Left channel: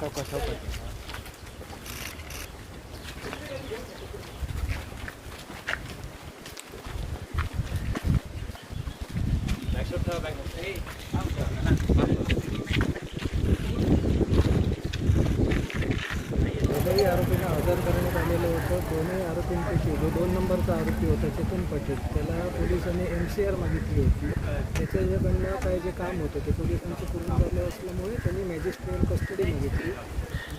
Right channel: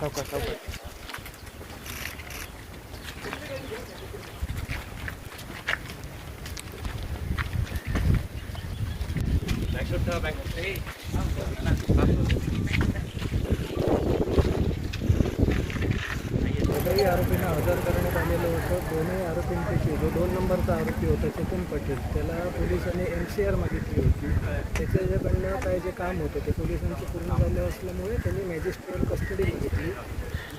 sau quay sau quay, Hãy subscribe cho kênh Ghiền Mì Gõ Để không bỏ lỡ những video hấp dẫn दोनही आरोपींना हजर करण्यात आलेलं होतं. दोन्ही आरोपींपैकी जो दोन नंबरचा आरोपी होता चेतन पटेल. त्याला पोलिसांनी एम सी आर मागितली होती. त्याच्याकडनं काय जे काम होतं ते पोलिसांचं पूर्ण झालं असल्यामुळे त्यांनी मॅजिस्ट्रेट कस्टडी मागितली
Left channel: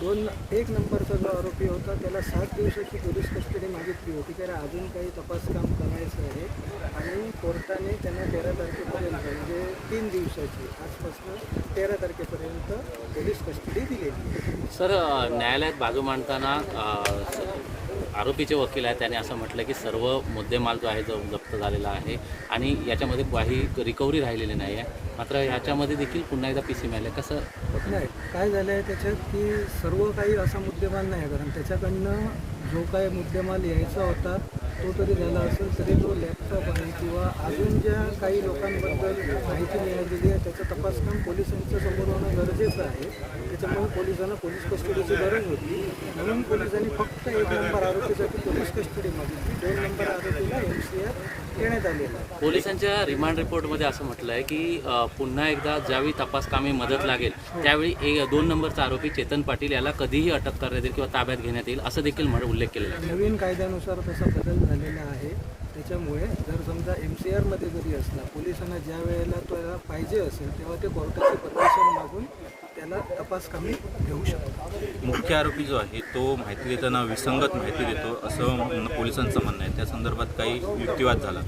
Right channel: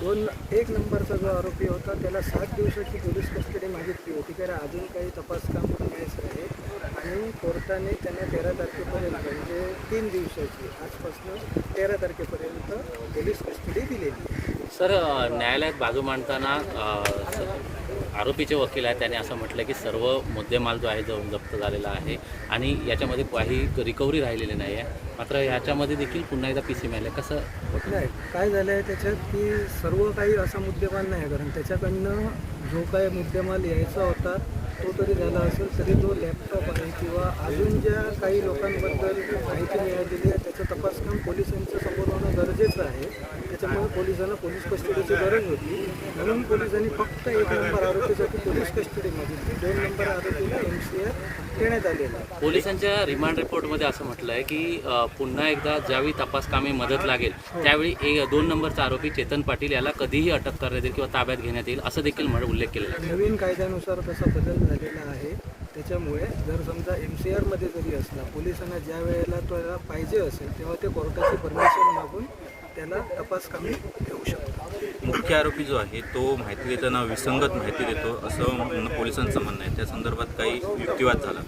दोन एक नंबरचा जो आरोपी होता त्याला सात दिवसाची पोलीस कस्टडी मागितली होती. त्याला अजून काही तपास काम करायचं आहे. आणि कोर्टाने त्यांना तेरा तारखेपर्यंत म्हणजे तीन दिवसाची आजपासून तेरा तारखेपर्यंत पोलीस कस्टडी दिलेली सर न्यायालयात बाजू मांडताना आरोपीचे वकील आहेत त्याने असं म्हटलं की सर्व मुद्देमाल जो आहे जो जप्त झालेला आहे आणि याच्यामध्ये काही रिकव्हरी राहिलेली नाही आहे. मात्र याच्यामध्ये देखील पुन्हा एकदा पी सी मिळालं कसं नाही काय झालं आहे त्याच्यात की सर्व काही असा मुद्देमाल नाही आहे कारण त्याच्याकडनं जो काय मुद्देमाल यायचा होता तो तरी झाला असेल तरी तो लॅपटॉप आहे किंवा अजून ज्या काही लोकांबद्दल माहिती मिळालेली आहे त्याचं तपासकाम पोलिसांच्या समोर होणं गरजेचं आहे. त्याच्यामुळे पोलिसांना पोलीस कस्टडीची गरज होती. म्हणून पोलिसांनी फक्त एक नंबर आरोपीसाठी पोलीस कस्टडी मागितली दोन नंबर आरोपीला एम सी आर देण्यात आलेलं पोलिसांच्या रिमांड रिपोर्टमध्ये असं म्हटलं आहे की पुन्हा एकदा ज्यावेळी तपास कामी मदत लागेल त्यावेळी एक दोन नंबरचा आरोपी चेतन पाटील याला कधीही अटक करण्यात येईल किंवा ताब्यात घेण्यात येईल असं देखील उल्लेख केलेला आहे. नवीन कायद्यानुसार तसा बदल झालेला आहे. त्याच्यामुळे जर समजा एम सी आरमध्ये जरी असला पोलिसांना ज्या वेळेला त्याला पाहिजे असेल तेव्हा ते कोर्टाची परमिशन मागून त्याला तपास कामी घेऊ शकतात. मुख्य आरोपी जो आहे तो माहिती देताना विसंगत माहिती देतो असं पोलिसांचं म्हणणं आहे. त्या संदर्भात काही युक्तिवाद झाला.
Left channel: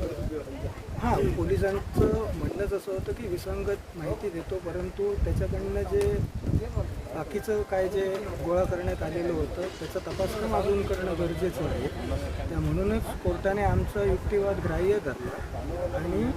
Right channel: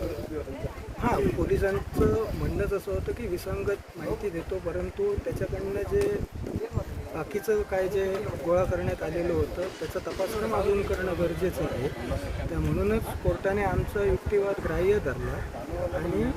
हां पोलिसांचं म्हणणंच असं होतं की विसंगत माहिती देतो परंतु त्याच्याकडनं जे बाकीचं काय जे गोळा करण्यात आलेलं होतं त्याचा तपासक्रम अजून करणं गरजेचं आहे. त्या म्हणूनच कोर्टाने आमचा युक्तिवाद ग्राह्य धरला आणि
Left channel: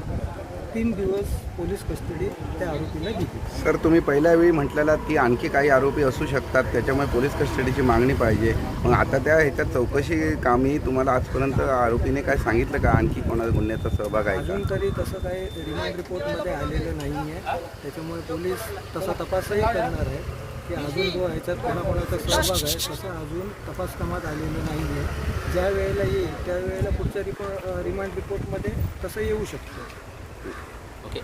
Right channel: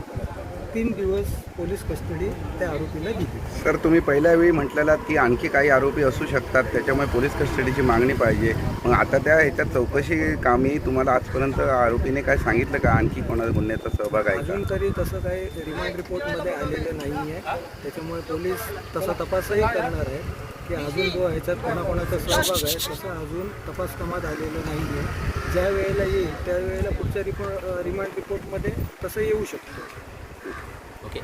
तीन दिवस पोलीस कस्टडी त्या आरोपीला दिली. सर तुम्ही पहिल्या वेळी म्हटलेलात की आणखी काही आरोपी असू शकतात त्याच्यामुळे पोलीस कस्टडीची मागणी पाहिजे. मग आता त्या ह्याच्यात चौकशी कामी तुम्हाला आजपर्यंत आरोपीने काय सांगितलं का? आणखी कोणा गुन्ह्याचा सहभाग आहे अजून तरी तसं काही रिमांड रिपोर्टमध्ये आलेलं नाही आहे त्याच्यामुळे पोलीस तसा तपासही करणार आहे की अजून जो ह्याच्यात कोणाकोणाचा सहभाग आहे तसं अजून तपास कामात आलेलं नाही आहे ज्या वेळेला येईल त्यावेळेला पुढच्या रिपोर्ट रिमांड रिपोर्टमध्ये तसं येऊ शकतं. ओके